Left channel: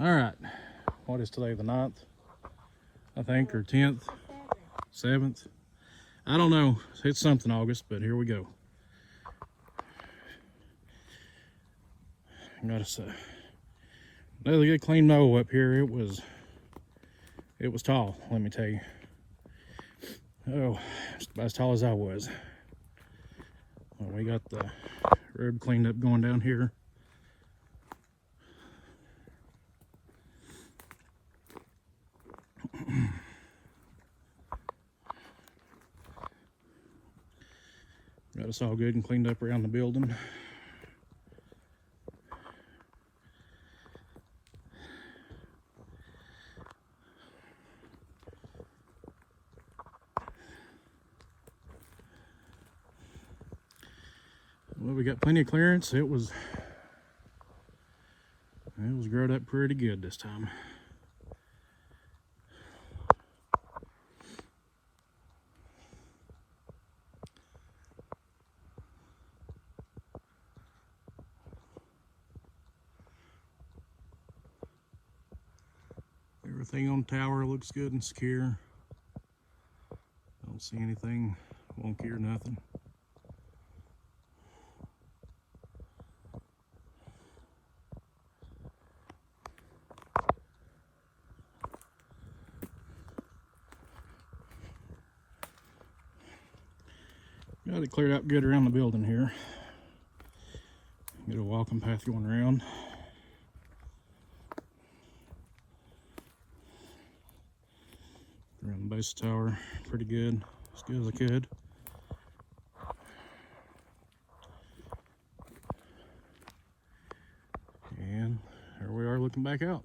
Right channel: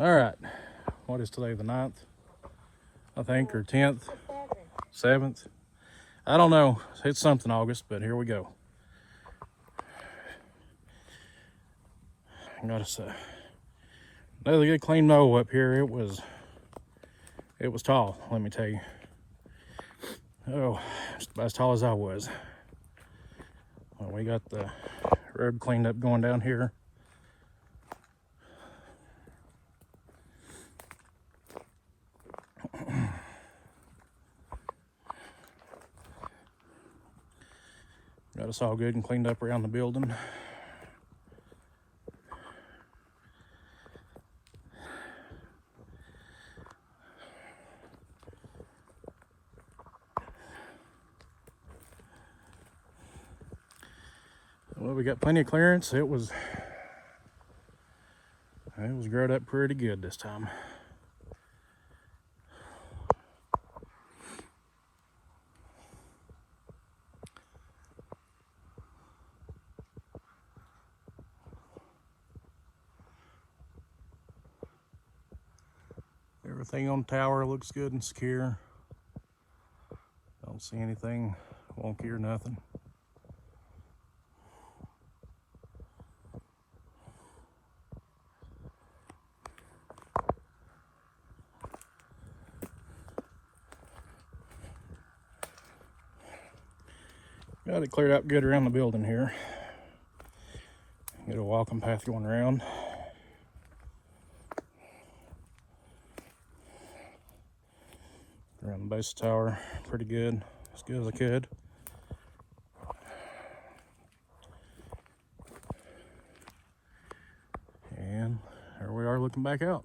All right, what is today, the 9th, I think, or 10th, 7th? I don't know, it's something August, but here we go. I gotta say, another good clean mow up here. It was tall, let me tell you. Oh, just about as tall as I was. Well, we got the road cleaned up going down here. Got us all good and cleaned up around the building. Well, we got plenty of clearance. It was growed up pretty good this time. Everything on the tower looks good and secure. Don't see anything wonky or nothing. Got it cleared out good around the building here. Get a walking path going around. Around the base of the tower, pretty good, as good as I could. And here we are looking back out.